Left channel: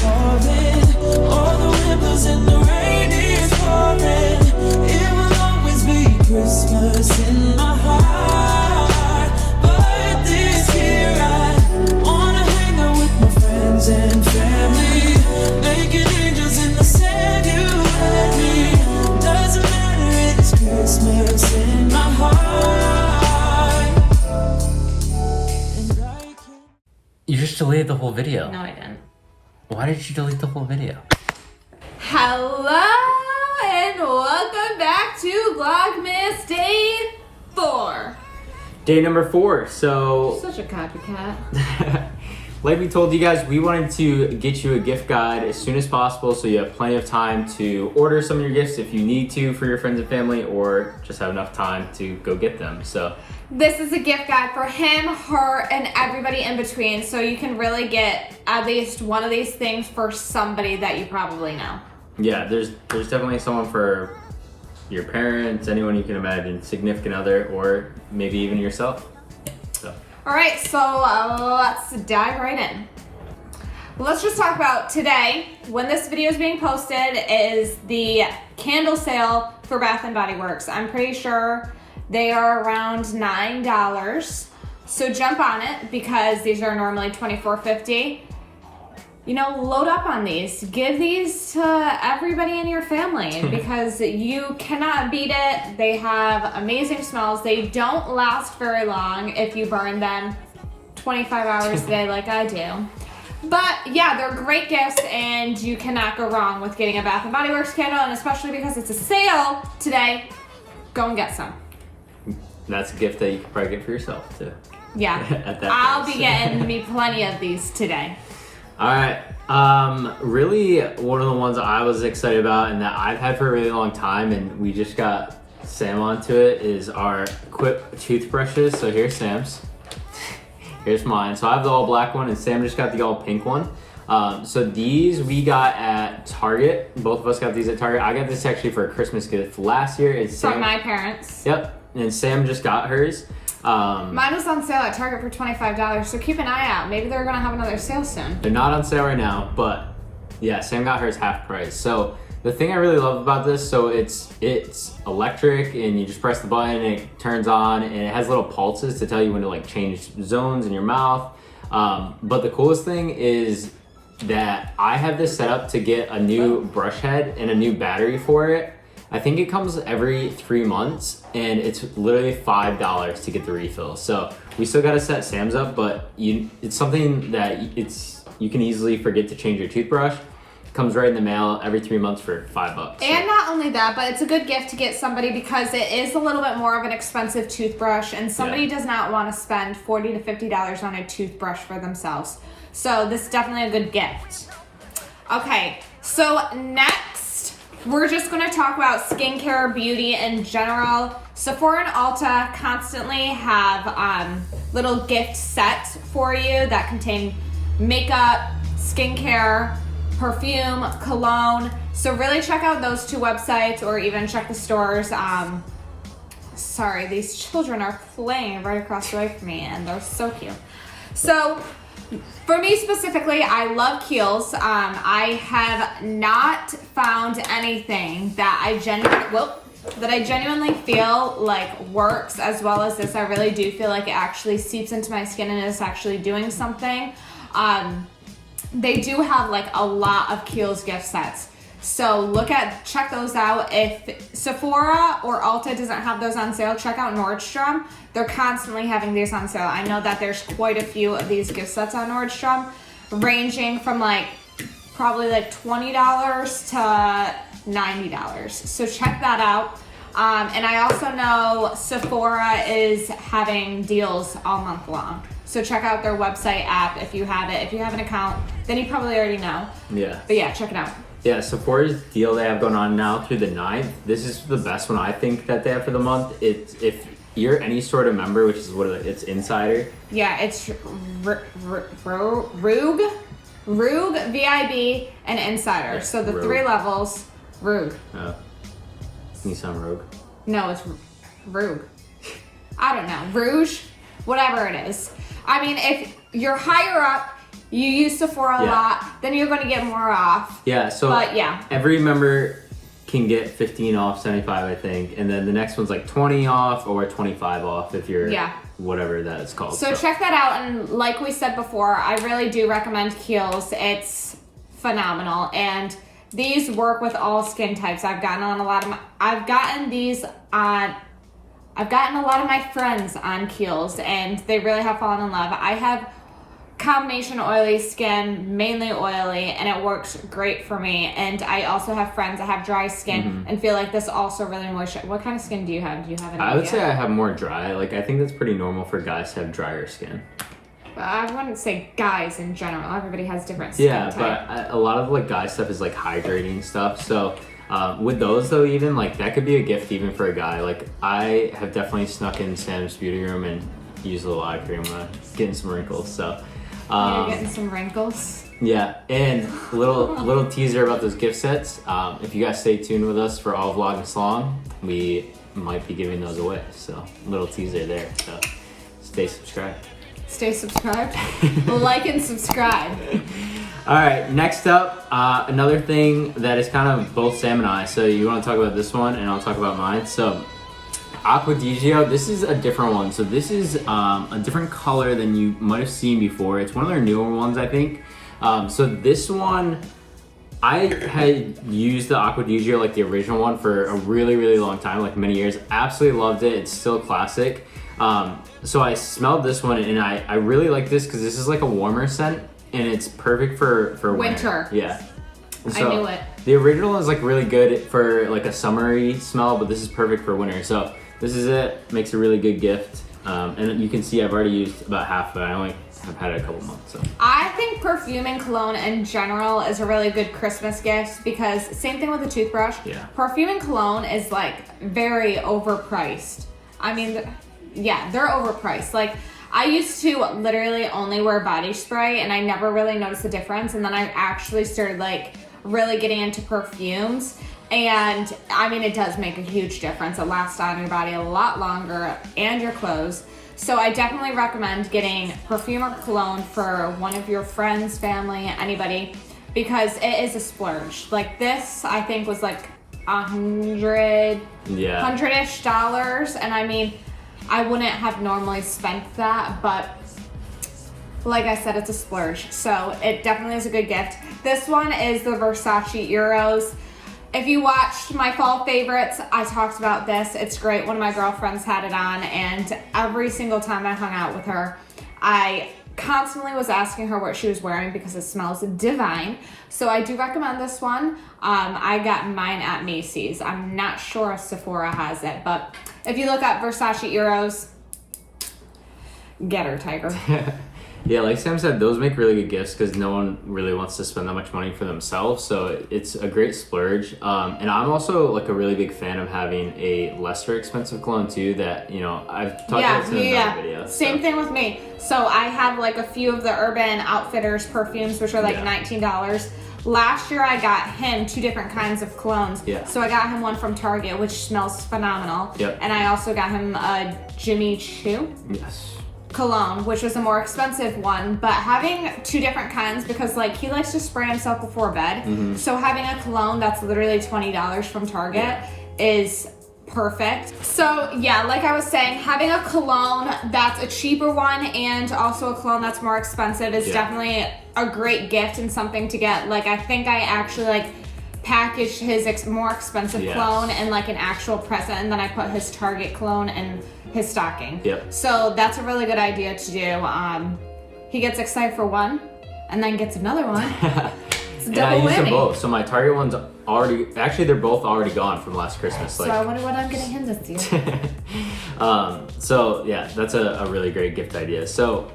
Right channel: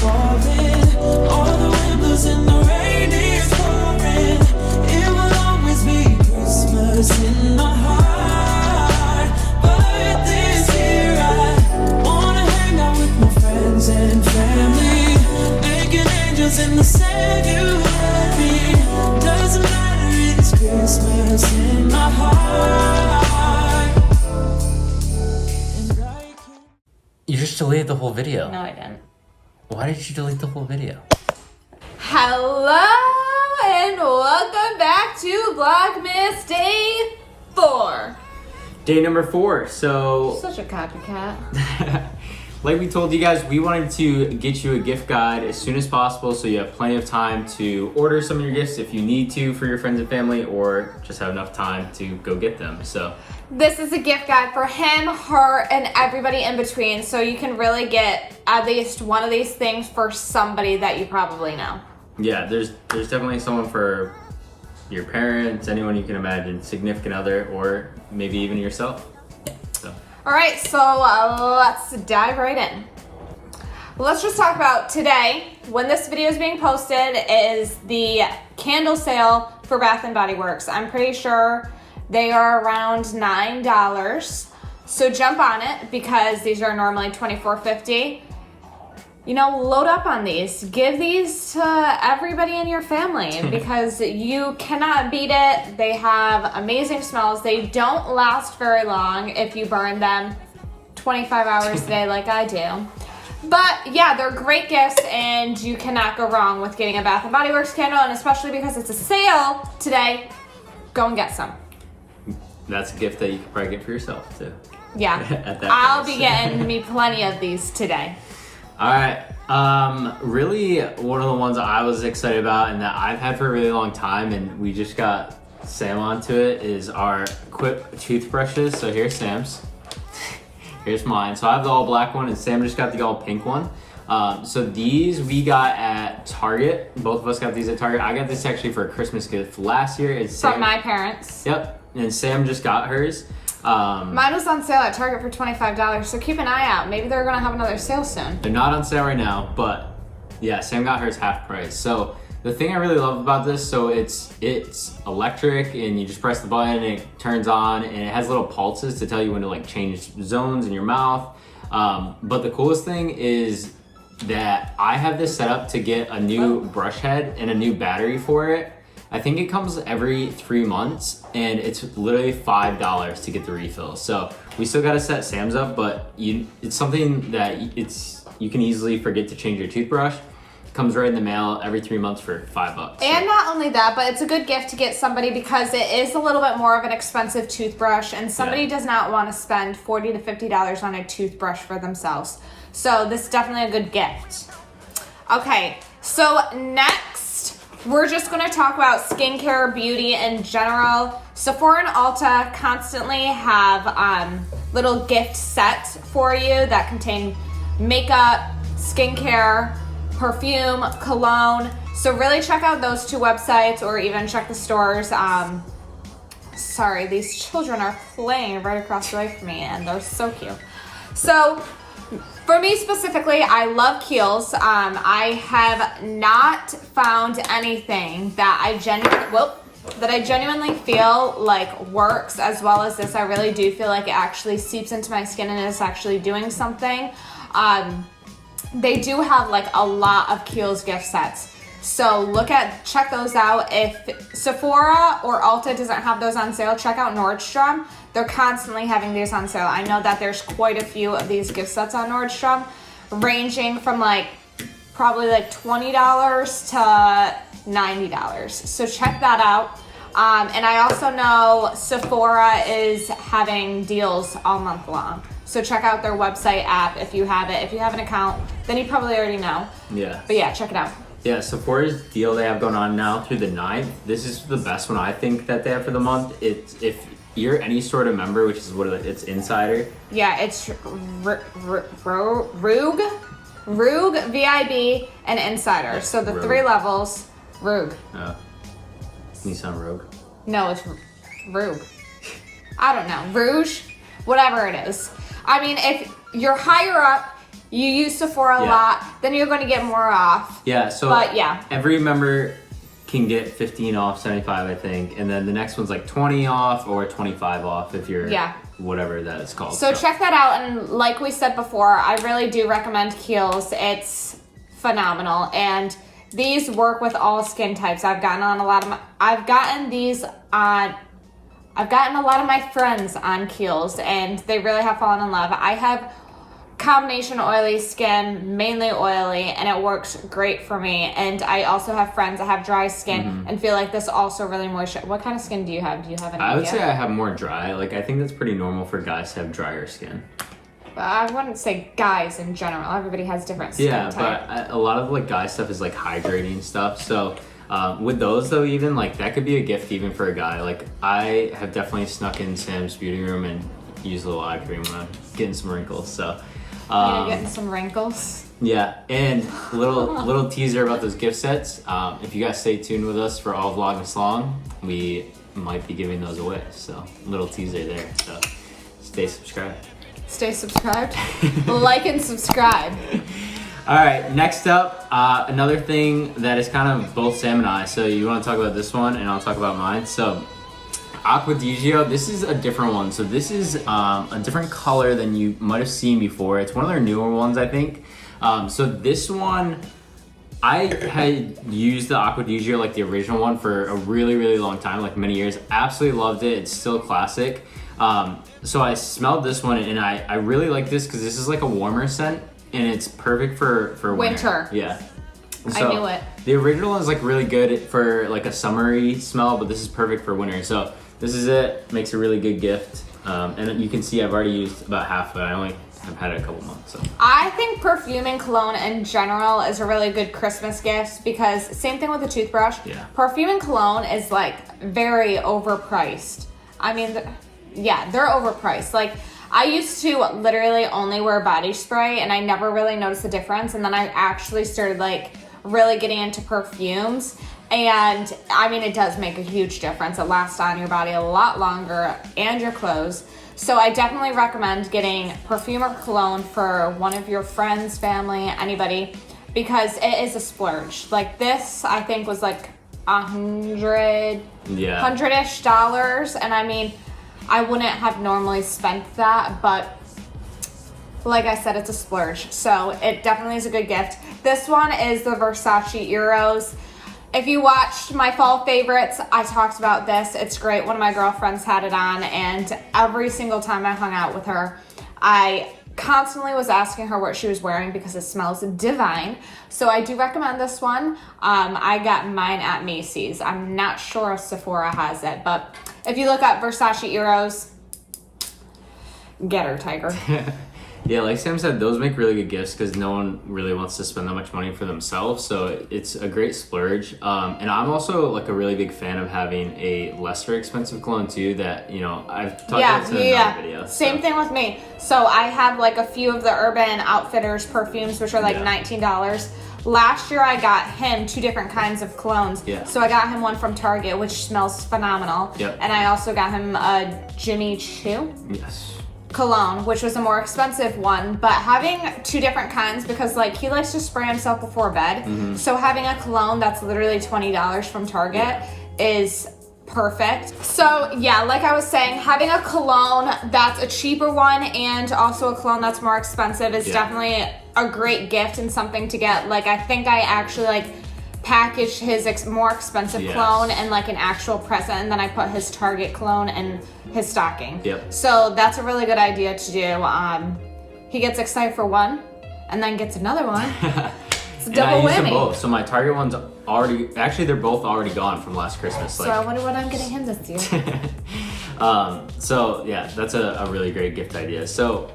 falling, or the wind blows and the rain is pouring. It will always be Christmas in my heart. But this year I wanna hang out with my friends and family, making angels in the sand, you and me. Doesn't matter, it's Christmas in my heart. And I can't. You just deleted the whole video. No, I didn't. Why did you delete the whole video? Hello and welcome back to Vlogmas Day 4. Day number 4. So, Such a copycat. like we told you guys, we wanted to get you a gift guide as soon as possible so you have plenty of time to order some of your gifts if you need to for your friends and family, or just have enough time to go get them. So This is a gift guide for him, her, and everybody in between, so you can really get at least one of these things for somebody that you probably know. yeah, there's definitely someone for your parents, anyone you can imagine, significant other, or maybe even yourself. So. All right, so let's dive right in. Let's just talk about today, when this video is being posted, is the candle sale for Bath & Body Works. I'm pretty sure they are around $9. So jump on it because these are normally $24.50. You know, load up on these. Give these to everybody in your family because you cannot beat it. They have amazing smells. They don't last very long if you burn them 25 hours a day like I do. But yeah, they're great gifts and you cannot go wrong with getting a Bath & Body Works candle, and especially because it's a sale today, go and get some. That's a gift that you could probably get for yourself too. Yeah, At that I'll price. be getting me plenty of these today. All right. Really, one of the ones I was excited about and that I've had for a really long time, and we just got Sam onto it, is our Quip toothbrushes. So here's Sam's. Here's mine. So I have the all black one, and Sam just got the all pink one. So these we got at Target. Both of us got these at Target. I got this actually for a Christmas gift last year. It's From Sam. my parents. Yep. And Sam just got hers. Mine was on sale at Target for $25, so keep an eye out. Maybe they're gonna have another sale soon. They're not on sale right now, but yeah, Sam got hers half price. So the thing I really love about this, so it's electric, and you just press the button and it turns on, and it has little pulses to tell you when to like change zones in your mouth. But the coolest thing is that I have this set up to get a new brush head and a new battery for it. I think it comes every 3 months, and it's literally $5 to get the refill. So we still got to set Sam's up, but it's something that you can easily forget to change your toothbrush. It comes right in the mail every 3 months for $5. And not only that, but it's a good gift to get somebody because it is a little bit more of an expensive toothbrush, and somebody does not want to spend $40 to $50 on a toothbrush for themselves. So this is definitely a good gift. Okay, so next, we're just going to talk about skincare, beauty in general. Sephora and Ulta constantly have little gift sets for you that contain makeup, skincare, perfume, cologne. So really check out those two websites, or even check the stores. Sorry, these children are playing right across the way from me, and they're so cute. So for me specifically, I love Keihls. I have not found anything that I genuinely feel like works as well as this. I really do feel like it actually seeps into my skin and is actually doing something. They do have like a lot of Keihls gift sets. So check those out. If Sephora or Ulta doesn't have those on sale, check out Nordstrom. They're constantly having these on sale. I know that there's quite a few of these gift sets on Nordstrom, ranging from probably $20 to $90. So check that out. And I also know Sephora is having deals all month long. So check out their website app if you have it. If you have an account, then you probably already know. Yeah. But yeah, check it out. Yeah, Sephora's deal they have going on now through the 9th. This is the best one I think that they have for the month. It's if you're any sort of member, which is it's Insider. Yeah, it's Rogue, VIB, and Insider. Yeah, so the Rogue. 3 levels. Rogue. Oh. Nissan Rogue. No, it's Rogue. I don't know. Rouge? Whatever it is. I mean, if you're higher up you use Sephora a lot, then you're going to get more off. Yeah, so but yeah, every member can get 15 off, 75 I think, and then the next one's like 20 off or 25 off if you're whatever that is called. So check that out, and like we said before, I really do recommend Keihl's. It's phenomenal, and these work with all skin types. I've gotten a lot of my friends on Keihl's, and they really have fallen in love. I have combination oily skin, mainly oily, and it works great for me. And I also have friends that have dry skin and feel like this also really moisturize. What kind of skin do you have? Do you have any I would say I have more dry. Like, I think that's pretty normal for guys to have drier skin. I wouldn't say guys in general. Everybody has different skin type. But a lot of like guy stuff is like hydrating stuff. So with those though, even like that could be a gift even for a guy. Like I have definitely snuck in Sam's beauty room and used a little eye cream when I'm getting some wrinkles. So you're getting some wrinkles. Yeah, and little teaser about those gift sets. If you guys stay tuned with us for all Vlogmas long, we might be giving those away. So little teaser there. So stay subscribed. Stay subscribed. Like and subscribe. All right, next up, another thing that is kind of both Sam and I. So you want to talk about this one, and I'll talk about mine. So Acqua di Gio, this is a different one. So this is a different color than you might have seen before. It's one of their newer ones, I think. So this one, I had used the Acqua di Gio, like the original one, for a really, really long time, like many years. Absolutely loved it. It's still classic. So I smelled this one, and I really like this because this is like a warmer scent, and it's perfect for winter. Yeah. So I knew it. The original is like really good for like a summery smell, but this is perfect for winter. So this is it. Makes a really good gift. And you can see I've already used about half of it. I only have had it a couple months. So I think perfume and cologne in general is a really good Christmas gift because same thing with the toothbrush. Yeah. Perfume and cologne is like very overpriced. I mean, yeah, they're overpriced. Like I used to literally only wear body spray and I never really noticed the difference. And then I actually started like really getting into perfumes. And I mean, it does make a huge difference. It lasts on your body a lot longer and your clothes. So I definitely recommend getting perfume or cologne for one of your friends, family, anybody, because it is a splurge. Like this, I think was like $100-ish. And I mean, I wouldn't have normally spent that, but like I said, it's a splurge. So it definitely is a good gift. This one is the Versace Eros. If you watched my fall favorites, I talked about this. It's great. One of my girlfriends had it on, and every single time I hung out with her, I constantly was asking her what she was wearing because it smells divine. So I do recommend this one. I got mine at Macy's. I'm not sure if Sephora has it, but if you look up Versace Eros, get her, Tiger. Yeah, like Sam said, those make really good gifts because no one really wants to spend that much money for themselves. So it's a great splurge. And I'm also like a really big fan of having a lesser expensive cologne too that, you know, I've talked about this in another video. Same thing with me. So I have like a few of the Urban Outfitters perfumes, which are like $19. Last year I got him 2 different kinds of colognes. Yeah. So I got him one from Target, which smells phenomenal. Yep. And I also got him a Jimmy Choo. Yes. Cologne, which was a more expensive one, but having 2 different kinds because like he likes to spray himself before bed. So having a cologne that's literally $20 from Target is perfect. So yeah, like I was saying, having a cologne that's a cheaper one and also a cologne that's more expensive is definitely a great gift and something to get. Like I think I actually like packaged his more expensive cologne in like an actual present, and then I put his Target cologne in his stocking. Yep. So that's a really good idea to do. He gets excited for one and then gets another one. It's and I use winning. them both. So my Target one's already, actually they're both already gone from last Christmas. So I wonder what I'm getting him this year. So yeah, that's a really great gift idea. So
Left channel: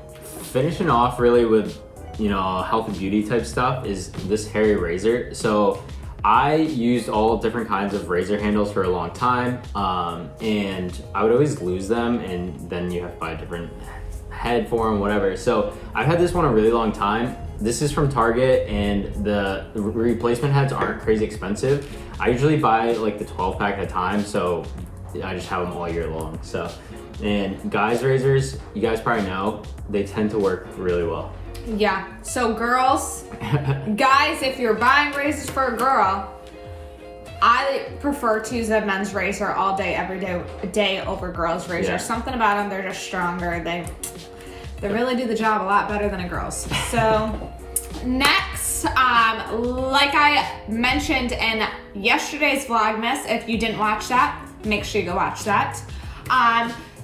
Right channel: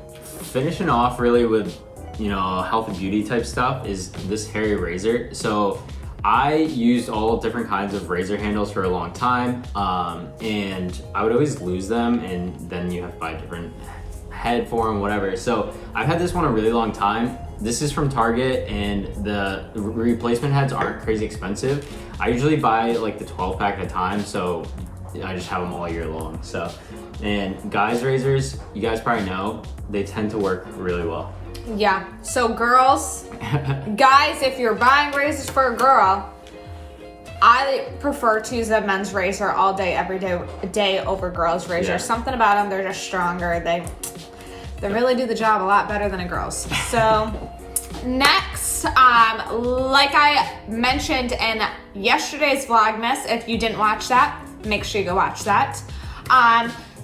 finishing off really with, you know, health and beauty type stuff is this hairy razor. So I used all different kinds of razor handles for a long time, and I would always lose them, and then you have to buy a different head for them, whatever. So I've had this one a really long time. This is from Target, and the replacement heads aren't crazy expensive. I usually buy like the 12 pack at a time, so I just have them all year long. So And guys razors, you guys probably know, they tend to work really well. Yeah, so girls, guys, if you're buying razors for a girl, I prefer to use a men's razor all day, every day over girls' razor. Yeah. Something about them, they're just stronger. They really do the job a lot better than a girl's. So next, like I mentioned in yesterday's Vlogmas, if you didn't watch that, make sure you go watch that.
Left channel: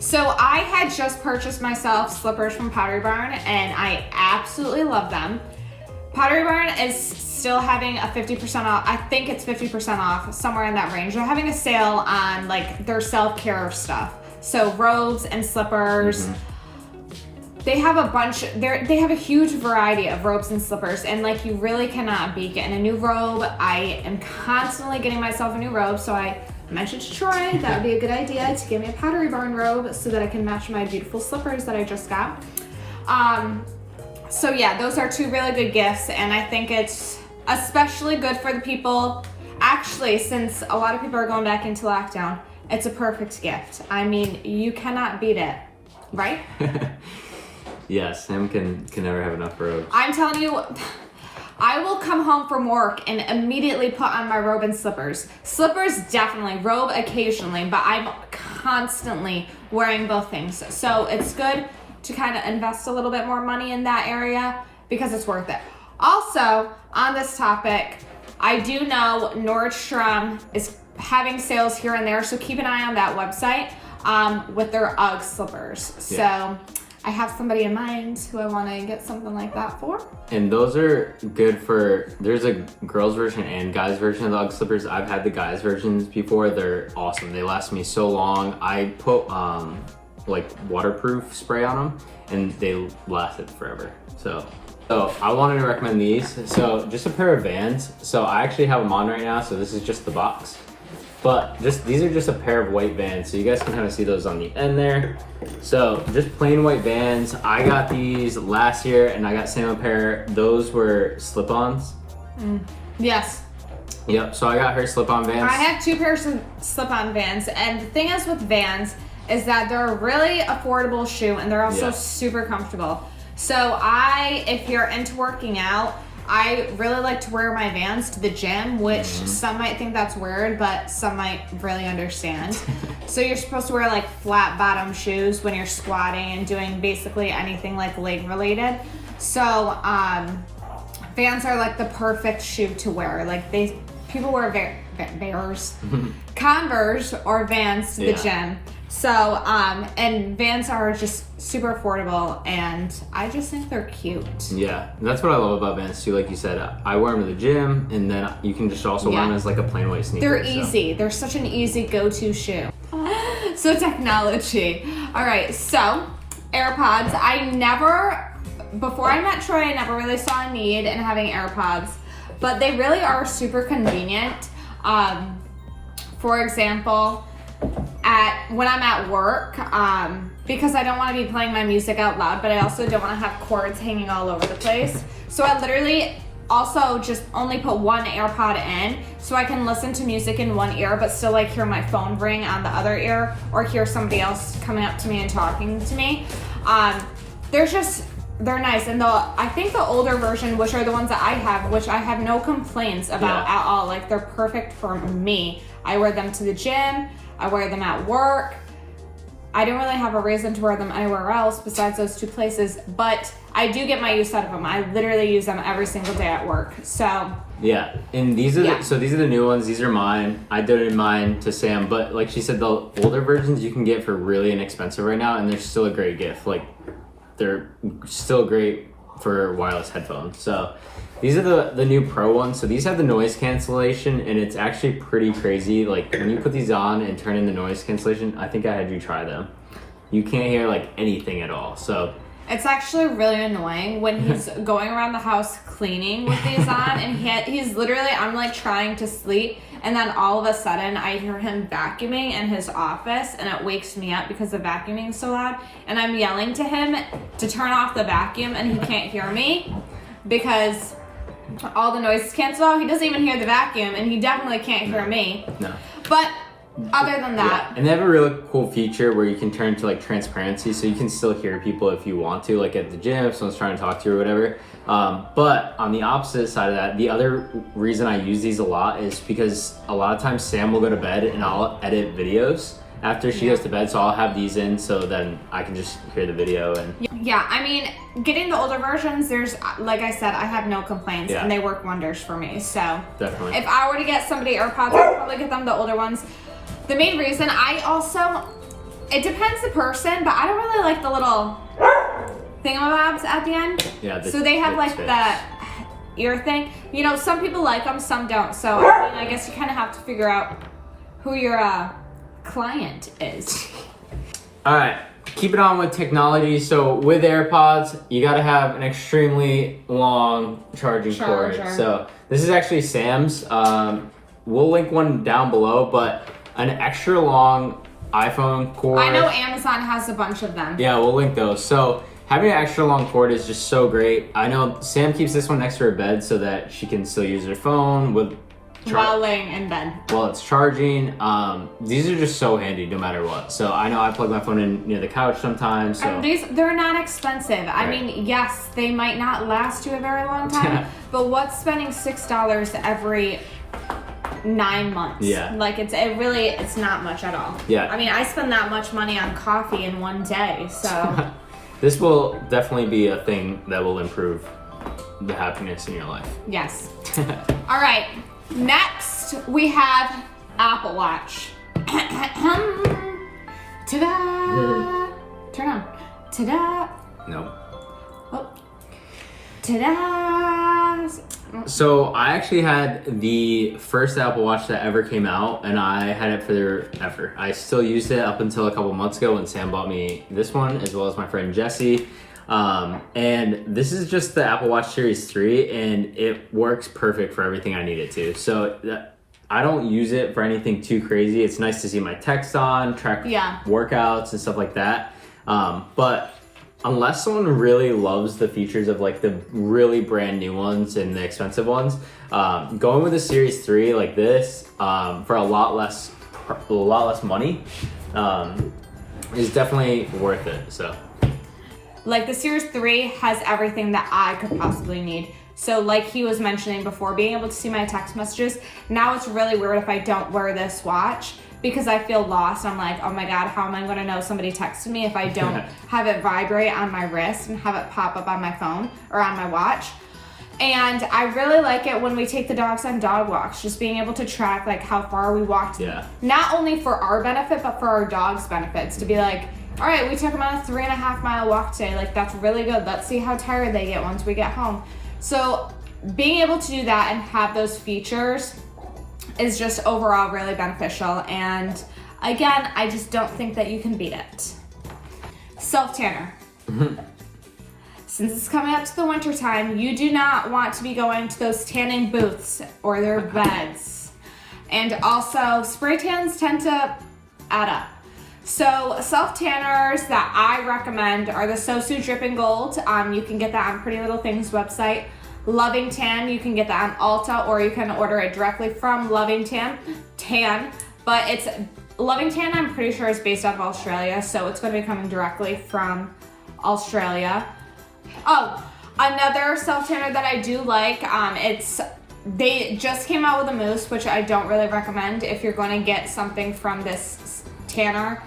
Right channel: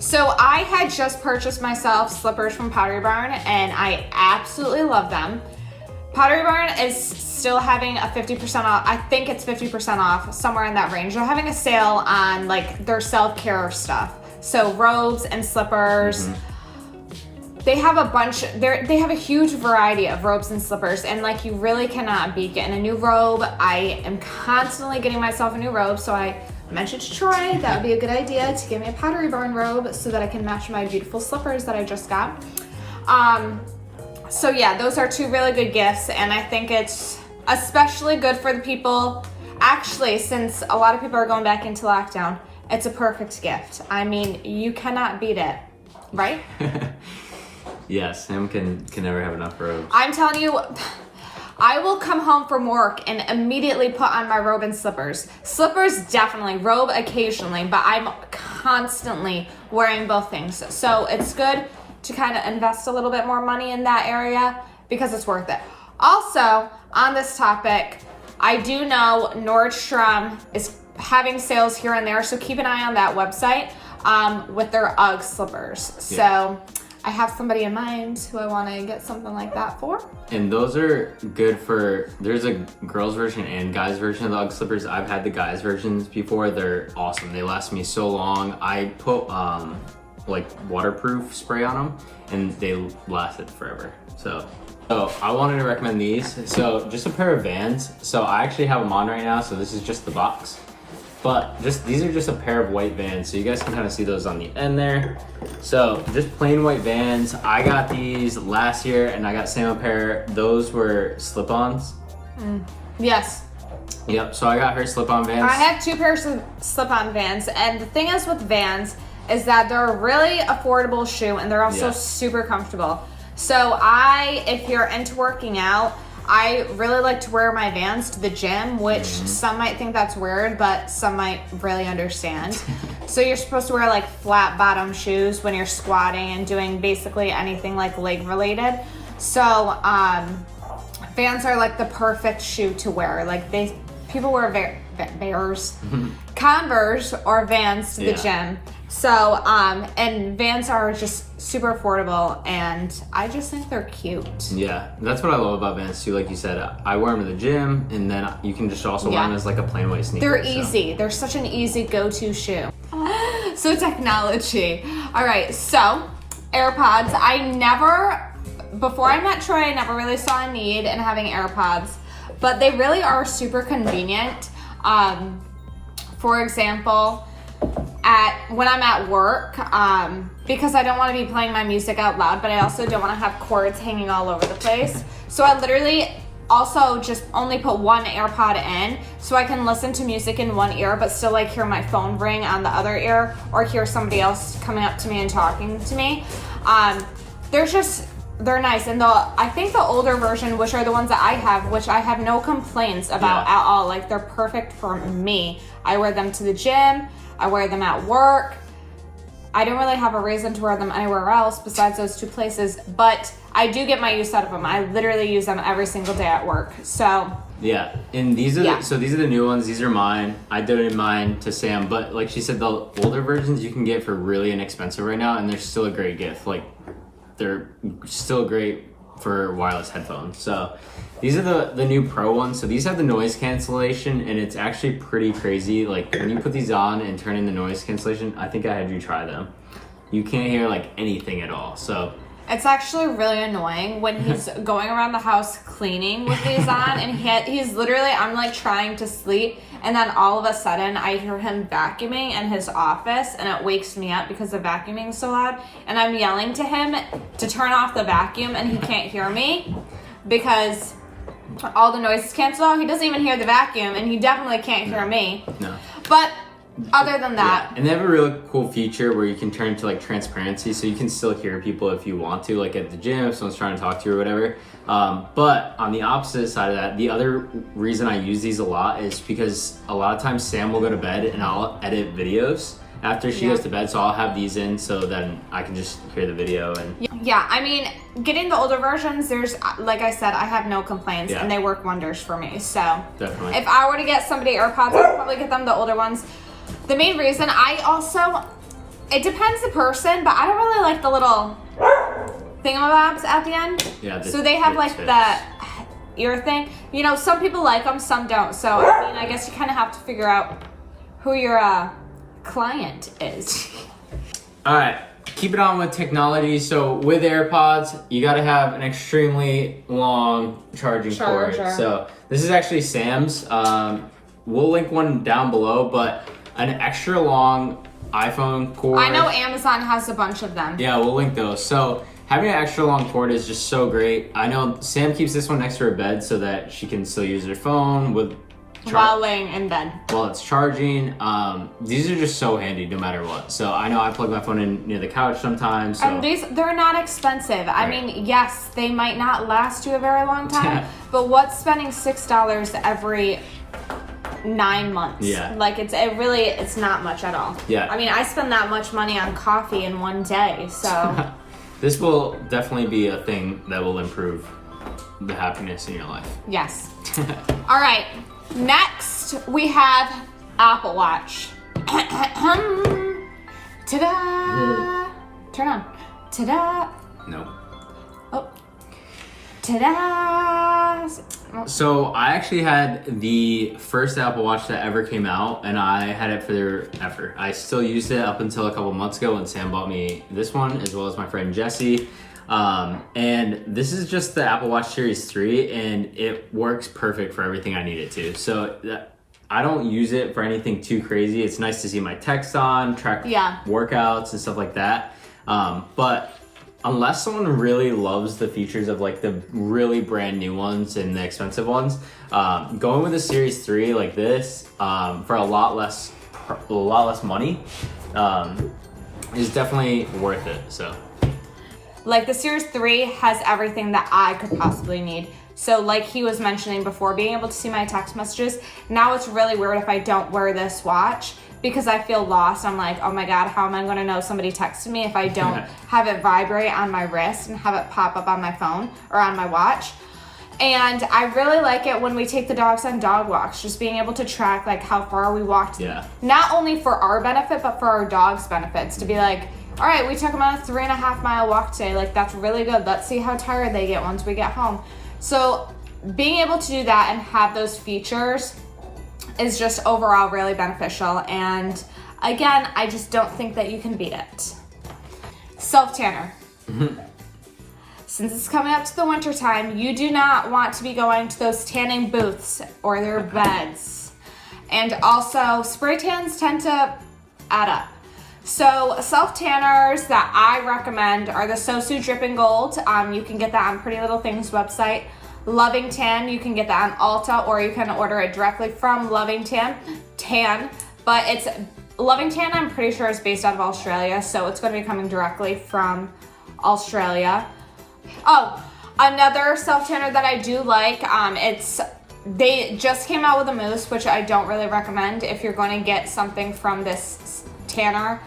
So I had just purchased myself slippers from Pottery Barn, and I absolutely love them. Pottery Barn is still having a 50% off. I think it's 50% off, somewhere in that range. They're having a sale on like their self-care stuff. So robes and slippers. They have a bunch, they have a huge variety of robes and slippers, and like you really cannot beat getting a new robe. I am constantly getting myself a new robe, so I mentioned to Troy that would be a good idea to get me a Pottery Barn robe so that I can match my beautiful slippers that I just got. So yeah, those are two really good gifts, and I think it's especially good for the people, actually, since a lot of people are going back into lockdown, it's a perfect gift. I mean, you cannot beat it, right? Yeah, Sam can never have enough robes. I'm telling you, I will come home from work and immediately put on my robe and slippers. Slippers definitely, robe occasionally, but I'm constantly wearing both things. So it's good to kind of invest a little bit more money in that area because it's worth it. Also, on this topic, I do know Nordstrom is having sales here and there, so keep an eye on that website with their UGG slippers. Yeah. So I have somebody in mind who I want to get something like that for. And those are good for, there's a girls version and guys version of the UGG slippers. I've had the guys versions before. They're awesome. They last me so long. I put like waterproof spray on them and they lasted forever. So I wanted to recommend these. So just a pair of Vans. So I actually have them on right now. So this is just the box. But these are just a pair of white Vans, so you guys can kind of see those on the end there. So just plain white Vans. I got these last year, and I got Sam a pair. Those were slip-ons. Yes. Yep. So I got her slip-on Vans. I have two pairs of slip-on Vans, and the thing is with Vans is that they're a really affordable shoe, and they're also super comfortable. So if you're into working out, I really like to wear my Vans to the gym, which some might think that's weird, but some might really understand. So you're supposed to wear like flat bottom shoes when you're squatting and doing basically anything like leg related. So Vans are like the perfect shoe to wear. Like people wear Converse or Vans to the gym. So, and Vans are just super affordable, and I just think they're cute. Yeah, that's what I love about Vans too. Like you said, I wear them to the gym, and then you can just also wear them as like a plain white sneaker. They're easy. They're such an easy go-to shoe. So technology. All right, so AirPods. Before I met Troy, I never really saw a need in having AirPods, but they really are super convenient. For example, when I'm at work, because I don't want to be playing my music out loud, but I also don't want to have cords hanging all over the place. So I literally also just only put one AirPod in so I can listen to music in one ear, but still like hear my phone ring on the other ear or hear somebody else coming up to me and talking to me. They're nice. And I think the older version, which are the ones that I have, which I have no complaints about at all. Like they're perfect for me. I wear them to the gym. I wear them at work. I don't really have a reason to wear them anywhere else besides those two places, but I do get my use out of them. I literally use them every single day at work. So yeah, and these are these are the new ones. These are mine. I donated mine to Sam, but like she said, the older versions you can get for really inexpensive right now, and they're still a great gift. Like they're still great for wireless headphones. So these are the new Pro ones. So these have the noise cancellation, and it's actually pretty crazy. Like when you put these on and turn in the noise cancellation, I think I had you try them. You can't hear like anything at all. So it's actually really annoying when he's going around the house cleaning with these on, and he's literally, I'm like trying to sleep, and then all of a sudden I hear him vacuuming in his office, and it wakes me up because the vacuuming is so loud, and I'm yelling to him to turn off the vacuum, and he can't hear me because all the noise is canceled out. He doesn't even hear the vacuum, and he definitely can't hear me. No. But other than that. Yeah, and they have a really cool feature where you can turn to like transparency, so you can still hear people if you want to, like at the gym if someone's trying to talk to you or whatever. But on the opposite side of that, the other reason I use these a lot is because a lot of times Sam will go to bed and I'll edit videos after she goes to bed, so I'll have these in so then I can just hear the video. And yeah, I mean, getting the older versions, there's, like I said, I have no complaints, and they work wonders for me. So definitely, if I were to get somebody AirPods, I'd probably get them the older ones. The main reason it depends the person, but I don't really like the little thingamabobs at the end. Yeah, so they have like the ear thing. You know, some people like them, some don't. So I mean, I guess you kind of have to figure out who your client is. All right, keep it on with technology. So with AirPods, you got to have an extremely long charging cord. So this is actually Sam's. We'll link one down below, but an extra long iPhone cord. I know Amazon has a bunch of them. Yeah, we'll link those. So having an extra long cord is just so great. I know Sam keeps this one next to her bed so that she can still use her phone while laying in bed. While it's charging. These are just so handy no matter what. So I know I plug my phone in near the couch sometimes. So. They're not expensive. Right. I mean, yes, they might not last you a very long time, but what's spending $6 every 9 months? Yeah. Like it's not much at all. Yeah. I mean, I spend that much money on coffee in one day, so. This will definitely be a thing that will improve the happiness in your life. Yes. All right. Next, we have Apple Watch. Ta-da! Turn on. Ta-da! Nope. Oh. Ta-da! So I actually had the first Apple Watch that ever came out, and I had it forever. I still used it up until a couple months ago when Sam bought me this one, as well as my friend Jesse. And this is just the Apple Watch Series 3, and it works perfect for everything I need it to. So I don't use it for anything too crazy. It's nice to see my text on, track workouts and stuff like that. But unless someone really loves the features of like the really brand new ones and the expensive ones, going with a Series 3 like this for a lot less money is definitely worth it. So. Like the Series 3 has everything that I could possibly need. So like he was mentioning before, being able to see my text messages. Now it's really weird if I don't wear this watch because I feel lost. I'm like, oh my God, how am I gonna know somebody texted me if I don't have it vibrate on my wrist and have it pop up on my phone or on my watch? And I really like it when we take the dogs on dog walks, just being able to track like how far we walked. Yeah. Not only for our benefit, but for our dog's benefits, to be like, all right, we took them on a 3.5 mile walk today. Like, that's really good. Let's see how tired they get once we get home. So being able to do that and have those features is just overall really beneficial. And again, I just don't think that you can beat it. Self-tanner. Since it's coming up to the winter time, you do not want to be going to those tanning booths or their beds. And also, spray tans tend to add up. So self-tanners that I recommend are the xoxo Dripping Gold. You can get that on Pretty Little Things website. Loving Tan, you can get that on Ulta, or you can order it directly from Loving Tan. But it's Loving Tan, I'm pretty sure, is based out of Australia, so it's going to be coming directly from Australia. Oh, another self-tanner that I do like, they just came out with a mousse, which I don't really recommend. If you're going to get something from this tanner,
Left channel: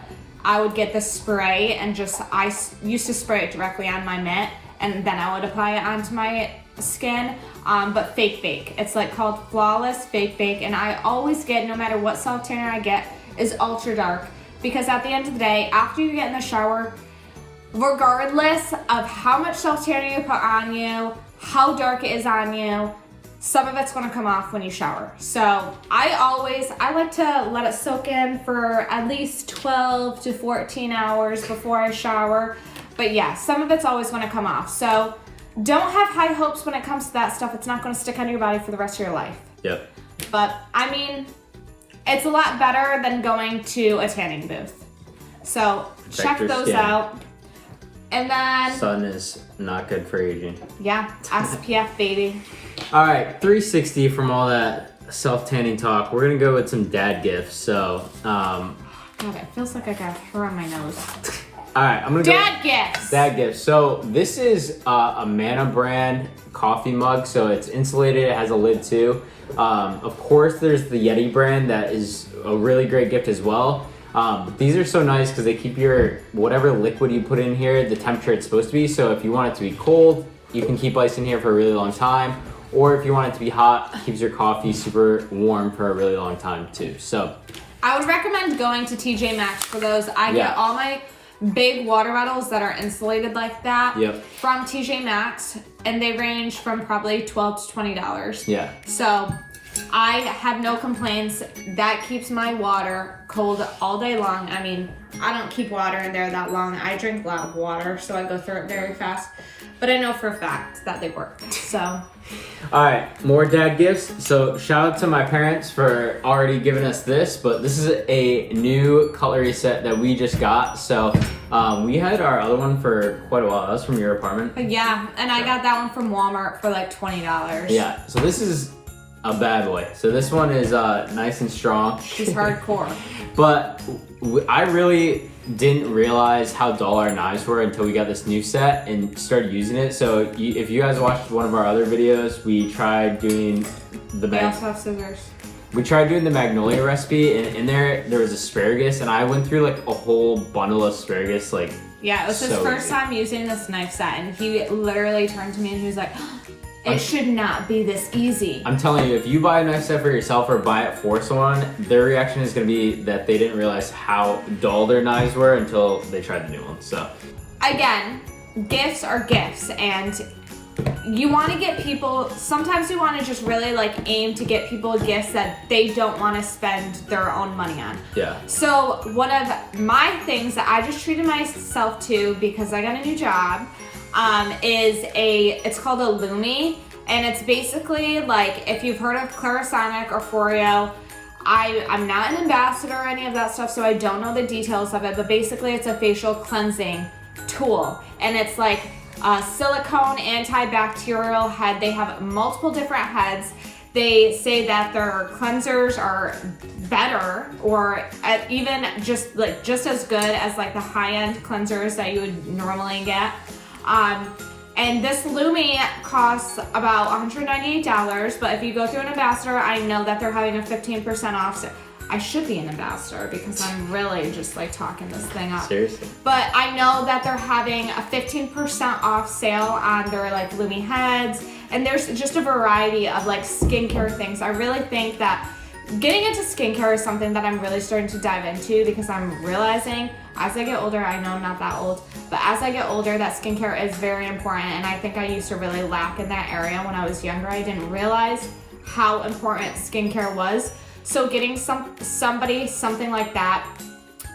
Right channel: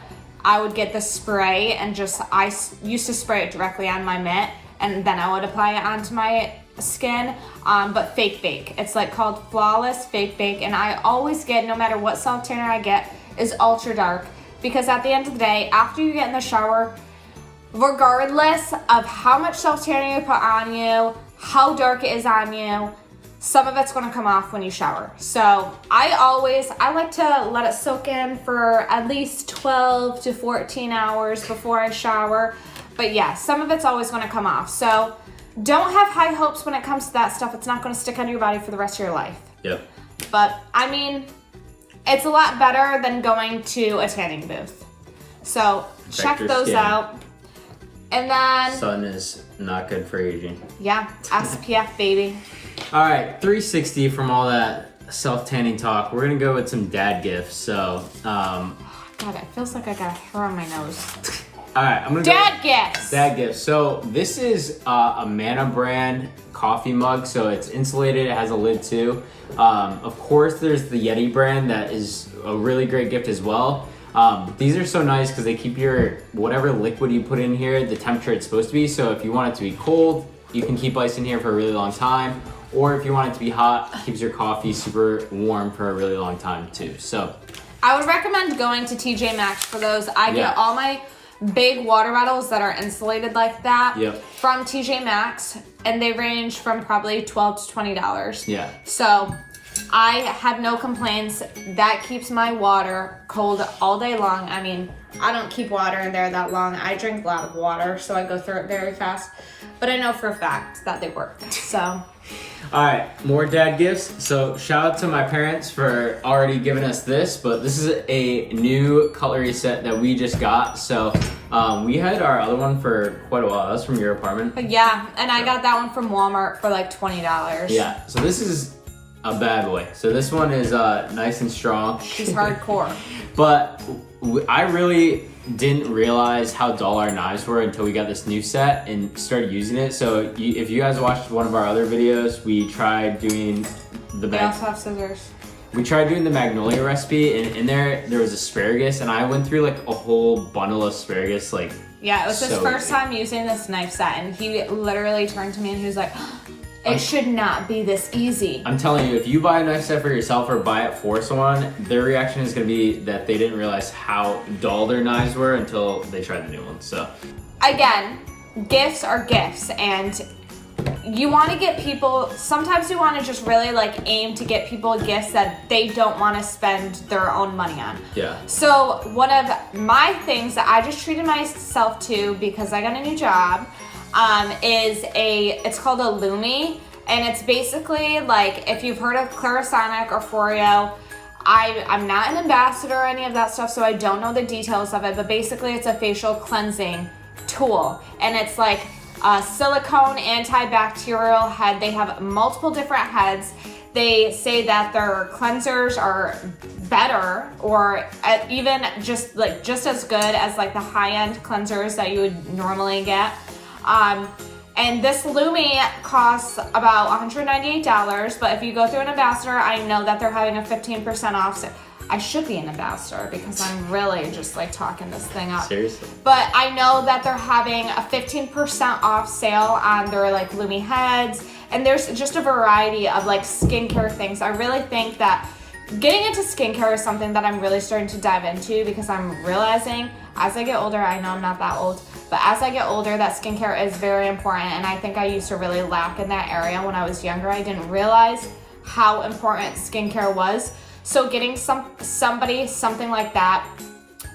I would get the spray and I used to spray it directly on my mitt and then I would apply it onto my skin, but Fake Bake. It's like called Flawless Fake Bake, and I always get, no matter what self tanner I get, is ultra dark, because at the end of the day, after you get in the shower, regardless of how much self tanner you put on you, how dark it is on you, some of it's going to come off when you shower. So I like to let it soak in for at least 12 to 14 hours before I shower. But yeah, some of it's always going to come off. So don't have high hopes when it comes to that stuff. It's not going to stick on your body for the rest of your life. Yep. But I mean, it's a lot better than going to a tanning booth. So check those out. And then sun is not good for aging. Yeah, SPF baby. All right, 360 from all that self-tanning talk, we're gonna go with some dad gifts. So, God, it feels like I got hair on my nose. all right, I'm gonna Dad go gifts. dad gifts. So this is a Mana brand coffee mug. So it's insulated. It has a lid too. Of course, there's the Yeti brand that is a really great gift as well. But these are so nice because they keep your whatever liquid you put in here the temperature it's supposed to be. So if you want it to be cold, you can keep ice in here for a really long time. Or if you want it to be hot, keeps your coffee super warm for a really long time too. So I would recommend going to TJ Maxx for those. I get all my big water bottles that are insulated like that from TJ Maxx, and they range from probably $12 to $20. Yeah. So I have no complaints. That keeps my water cold all day long. I mean, I don't keep water in there that long. I drink a lot of water, so I go through it very fast. But I know for a fact that they work. So. All right, more dad gifts. So shout out to my parents for already giving us this, but this is a new cutlery set that we just got. So we had our other one for quite a while. That was from your apartment. Yeah, and I got that one from Walmart for like $20. Yeah, so this is a bad boy. So this one is nice and strong. She's hardcore. But I really didn't realize how dull our knives were until we got this new set and started using it. So if you guys watched one of our other videos, we tried doing the They also have scissors. We tried doing the magnolia recipe, and in there was asparagus, and I went through like a whole bundle of asparagus. Like, yeah, it was his first time using this knife set, and he literally turned to me and he was like, it should not be this easy. I'm telling you, if you buy a knife set for yourself or buy it for someone, their reaction is going to be that they didn't realize how dull their knives were until they tried the new one. So, again, gifts are gifts, and you want to get people, sometimes you want to just really like aim to get people gifts that they don't want to spend their own money on. Yeah. So one of my things that I just treated myself to because I got a new job it's called a Lumi, and it's basically like, if you've heard of Clarisonic or Foreo, I'm not an ambassador or any of that stuff, so I don't know the details of it, but basically it's a facial cleansing tool, and it's like a silicone antibacterial head. They have multiple different heads. They say that their cleansers are better, or even just as good as like the high-end cleansers that you would normally get. And this Lumi costs about $198, but if you go through an ambassador, I know that they're having a 15% off. So I should be an ambassador because I'm really just like talking this thing up. Seriously? But I know that they're having a 15% off sale on their like Lumi heads, and there's just a variety of like skincare things. I really think that getting into skincare is something that I'm really starting to dive into because I'm realizing as I get older, I know I'm not that old, but as I get older, that skincare is very important, and I think I used to really lack in that area when I was younger. I didn't realize how important skincare was. So getting somebody something like that.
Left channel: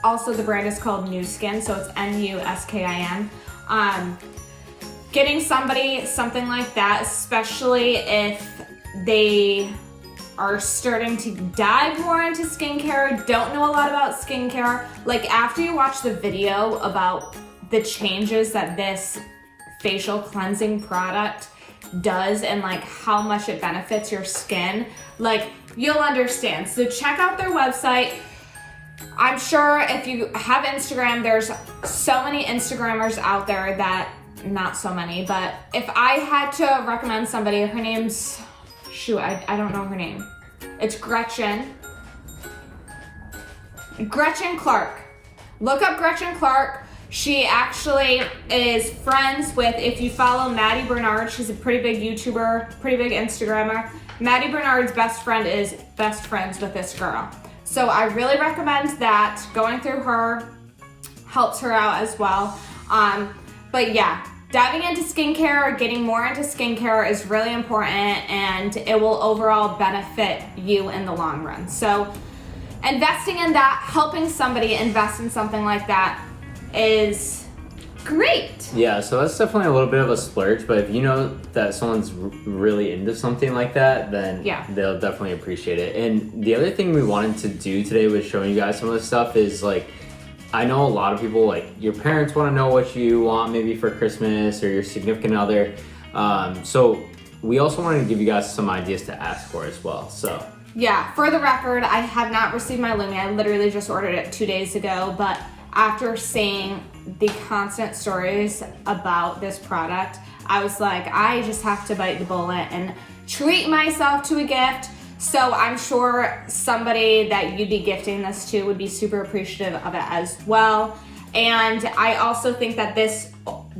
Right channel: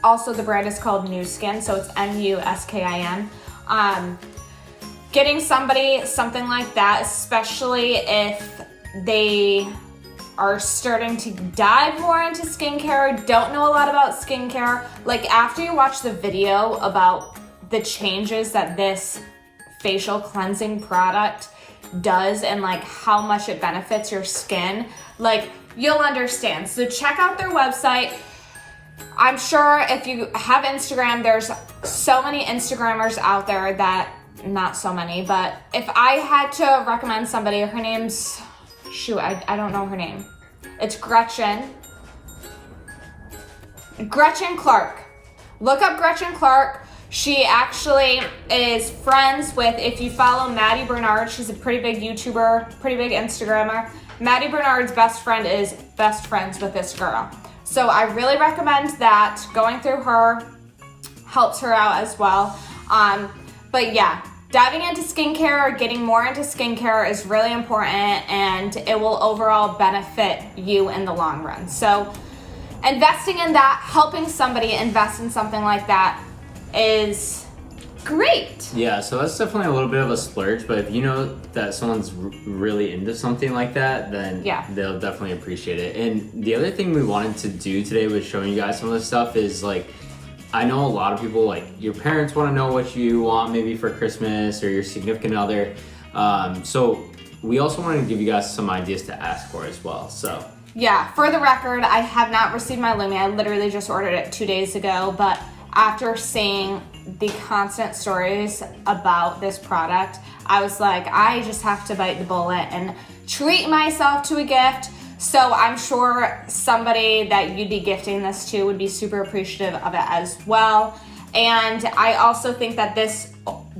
Also, the brand is called NuSkin, so it's NuSkin. Getting somebody something like that, especially if they are starting to dive more into skincare, don't know a lot about skincare. Like, after you watch the video about the changes that this facial cleansing product does and like how much it benefits your skin, like, you'll understand. So check out their website. I'm sure if you have Instagram, there's so many Instagrammers out there that, not so many, but if I had to recommend somebody, her name's, I don't know her name. It's Gretchen Clark. Look up Gretchen Clark. She actually is friends with, if you follow Maddie Bernard, she's a pretty big YouTuber, pretty big Instagrammer. Maddie Bernard's best friend is best friends with this girl. So I really recommend that. Going through her helps her out as well. But yeah, diving into skincare, getting more into skincare is really important, and it will overall benefit you in the long run. So investing in that, helping somebody invest in something like that is great. Yeah, so that's definitely a little bit of a splurge, but if you know that someone's really into something like that, then they'll definitely appreciate it. And the other thing we wanted to do today with showing you guys some of this stuff is, like, I know a lot of people, like, your parents want to know what you want maybe for Christmas, or your significant other. So we also wanted to give you guys some ideas to ask for as well. So Yeah, for the record, I have not received my Lumi. I literally just ordered it 2 days ago, but after seeing the constant stories about this product, I was like, I just have to bite the bullet and treat myself to a gift. So I'm sure somebody that you'd be gifting this to would be super appreciative of it as well. And I also think that this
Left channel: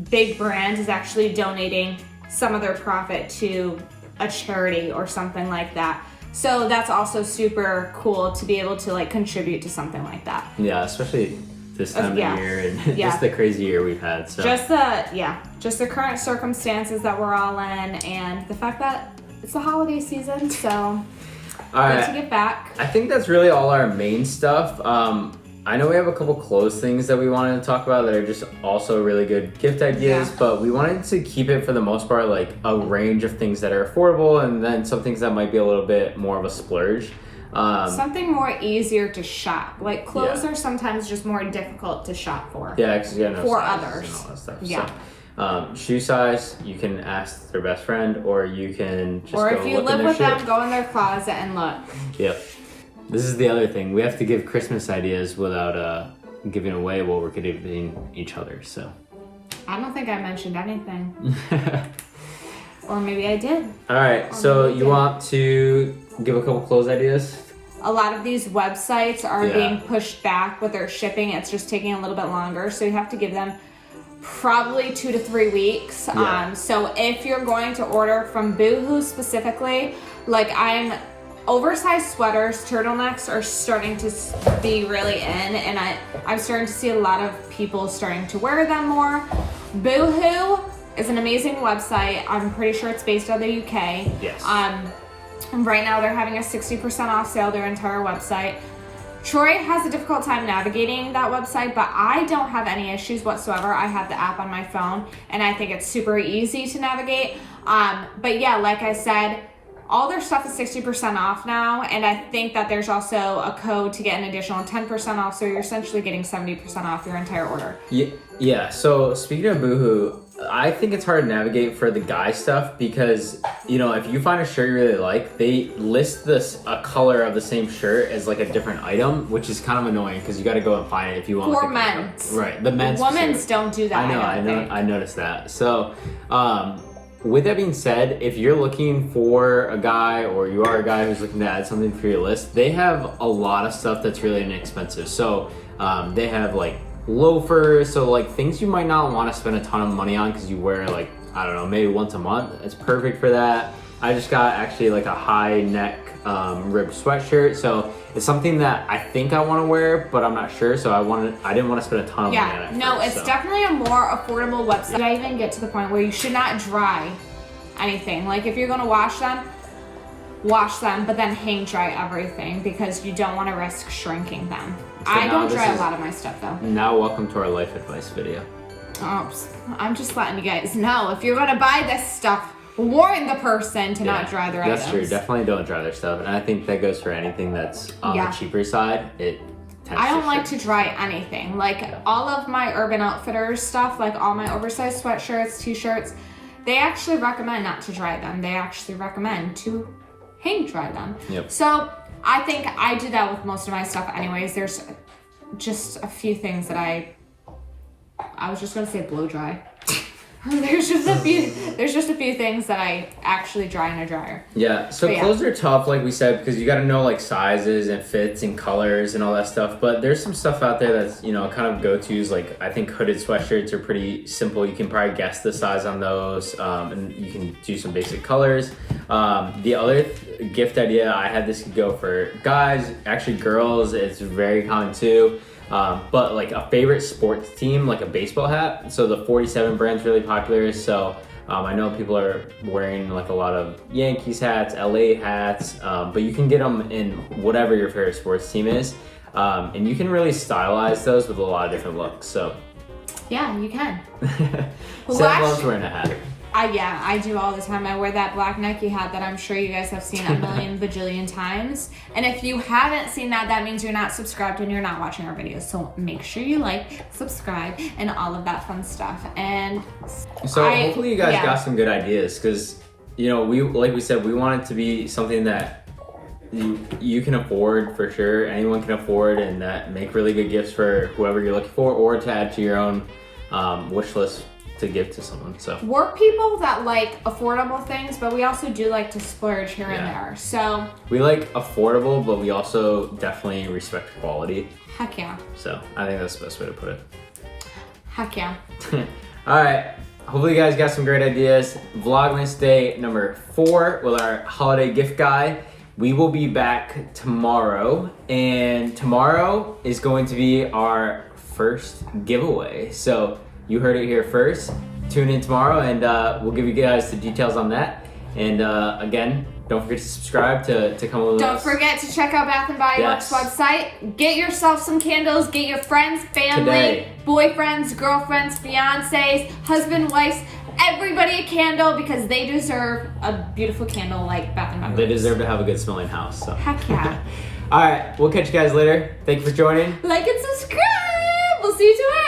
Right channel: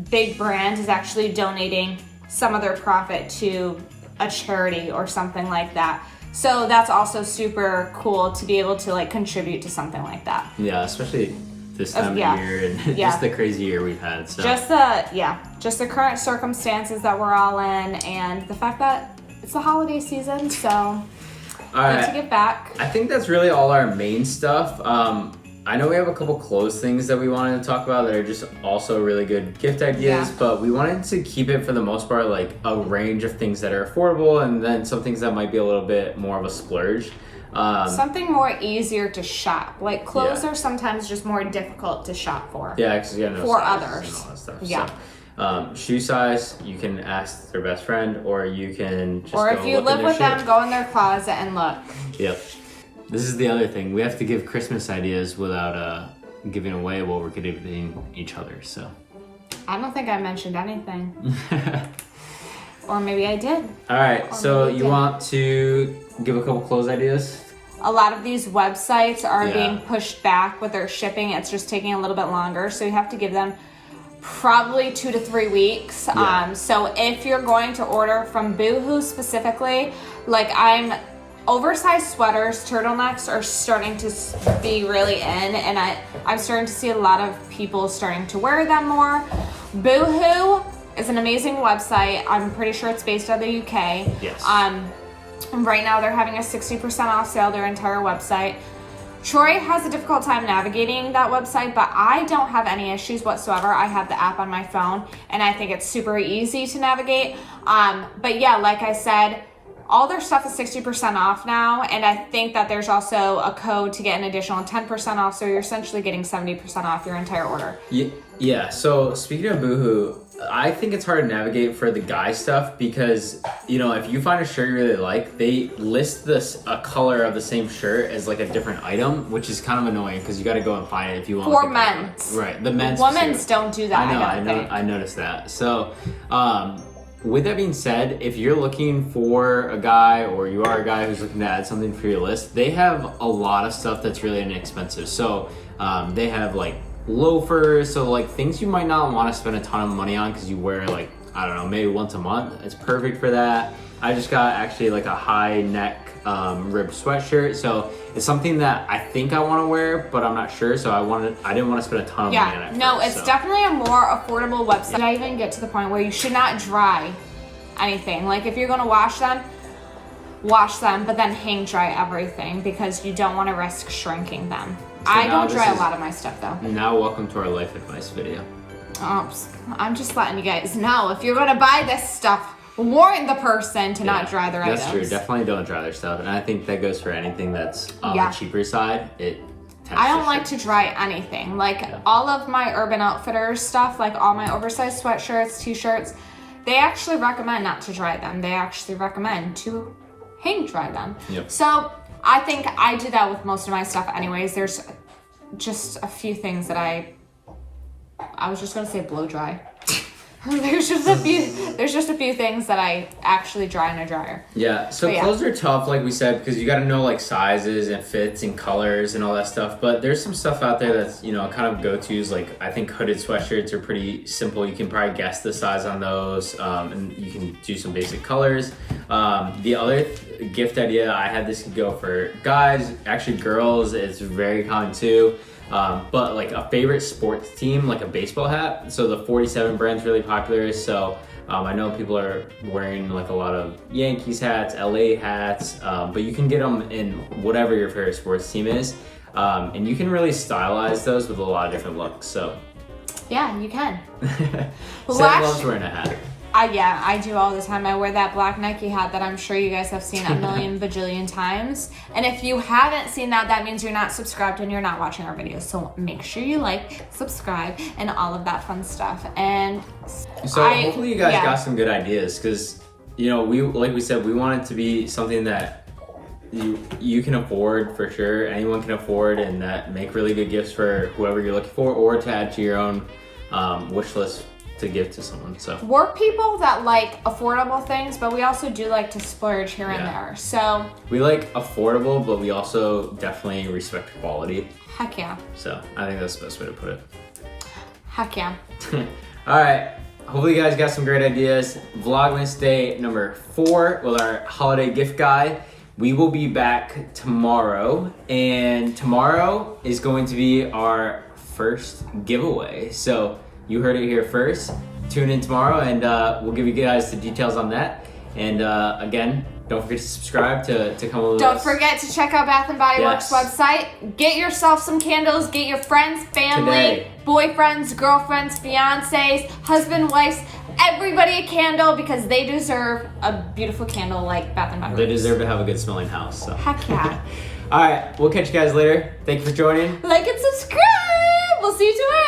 big brand is actually donating some of their profit to a charity or something like that. So that's also super cool to be able to like contribute to something like that. Yeah, especially this time of year and just the crazy year we've had. So just the current circumstances that we're all in, and the fact that it's the holiday season, so all right, to get back. I think that's really all our main stuff. I know we have a couple clothes things that we wanted to talk about that are just also really good gift ideas, but we wanted to keep it for the most part like a range of things that are affordable, and then some things that might be a little bit more of a splurge. Something more easier to shop. Like clothes are sometimes just more difficult to shop for. Yeah, because you got no for sizes others and all that stuff. Yeah. So, shoe size, you can ask their best friend, or you can just or go if you look live in their with them, shit. go in their closet and look. Yep. This is the other thing. We have to give Christmas ideas without giving away what we're giving each other. So. I don't think I mentioned anything. Or maybe I did. All right. So you want to give a couple clothes ideas? A lot of these websites are being pushed back with their shipping. It's just taking a little bit longer. So you have to give them probably 2 to 3 weeks. Yeah. So if you're going to order from Boohoo specifically, like oversized sweaters, turtlenecks are starting to be really in, and I'm starting to see a lot of people starting to wear them more. Boohoo is an amazing website. I'm pretty sure it's based out of the UK. Yes. Right now they're having a 60% off sale, their entire website. Troy has a difficult time navigating that website, but I don't have any issues whatsoever. I have the app on my phone, and I think it's super easy to navigate. But yeah, like I said, all their stuff is 60% off now, and I think that there's also a code to get an additional 10% off, so you're essentially getting 70% off your entire order. Yeah, so speaking of Boohoo, I think it's hard to navigate for the guy stuff because, you know, if you find a shirt you really like, they list a color of the same shirt as like a different item, which is kind of annoying because you got to go and find it if you want. For men's. Right, the men's. Women's don't do that. I noticed that. So, with that being said, if you're looking for a guy or you are a guy who's looking to add something for your list, they have a lot of stuff that's really inexpensive. So they have like loafers, so like things you might not want to spend a ton of money on because you wear like, I don't know, maybe once a month. It's perfect for that. I just got actually like a high neck ribbed sweatshirt, so it's something that I think I want to wear, but I'm not sure, so I didn't want to spend a ton of money on it. No, it's definitely a more affordable website. Did I even get to the point where you should not dry anything? Like if you're gonna wash them, but then hang dry everything because you don't want to risk shrinking them. So I don't dry a lot of my stuff though. Now welcome to our life advice video. I'm just letting you guys know, if you're gonna buy this stuff, warn the person to not dry their items. That's true. Definitely don't dry their stuff, and I think that goes for anything that's on the cheaper side. I don't like to dry anything. Like all of my Urban Outfitters stuff, like all my oversized sweatshirts, t-shirts, they actually recommend not to dry them. They actually recommend to hang dry them. Yep. So I think I do that with most of my stuff anyways. There's just a few things that I was just gonna say blow dry. There's just a few things that I actually dry in a dryer. Yeah, so clothes are tough, like we said, because you got to know like sizes and fits and colors and all that stuff. But there's some stuff out there that's, you know, kind of go-tos. Like I think hooded sweatshirts are pretty simple. You can probably guess the size on those, and you can do some basic colors. The other gift idea I had, this could go for guys, actually girls. It's very common too. But like a favorite sports team, like a baseball hat. So the 47 brand's really popular. So I know people are wearing like a lot of Yankees hats, LA hats, but you can get them in whatever your favorite sports team is. And you can really stylize those with a lot of different looks. So yeah, you can. Sam loves wearing a hat. Yeah, I do all the time. I wear that black Nike hat that I'm sure you guys have seen a million bajillion times. And if you haven't seen that, that means you're not subscribed and you're not watching our videos. So make sure you like, subscribe, and all of that fun stuff. And so hopefully you guys got some good ideas because, you know, like we said, we want it to be something that you can afford for sure. Anyone can afford and that make really good gifts for whoever you're looking for, or to add to your own wish list to give to someone. So we're people that like affordable things, but we also do like to splurge here and there. So we like affordable, but we also definitely respect quality. Heck yeah. So I think that's the best way to put it. Heck yeah. All right. Hopefully you guys got some great ideas. Vlogmas day number 4 with our holiday gift guide. We will be back tomorrow, and tomorrow is going to be our first giveaway. So you heard it here first. Tune in tomorrow, and we'll give you guys the details on that. And again, don't forget to subscribe to come with us. Don't forget to check out Bath & Body Works website. Get yourself some candles. Get your friends, family, boyfriends, girlfriends, fiancés, husband, wives, everybody a candle, because they deserve a beautiful candle like Bath & Body Works. They deserve to have a good smelling house. So. Heck yeah. All right, we'll catch you guys later. Thank you for joining. Like and subscribe. We'll see you tomorrow.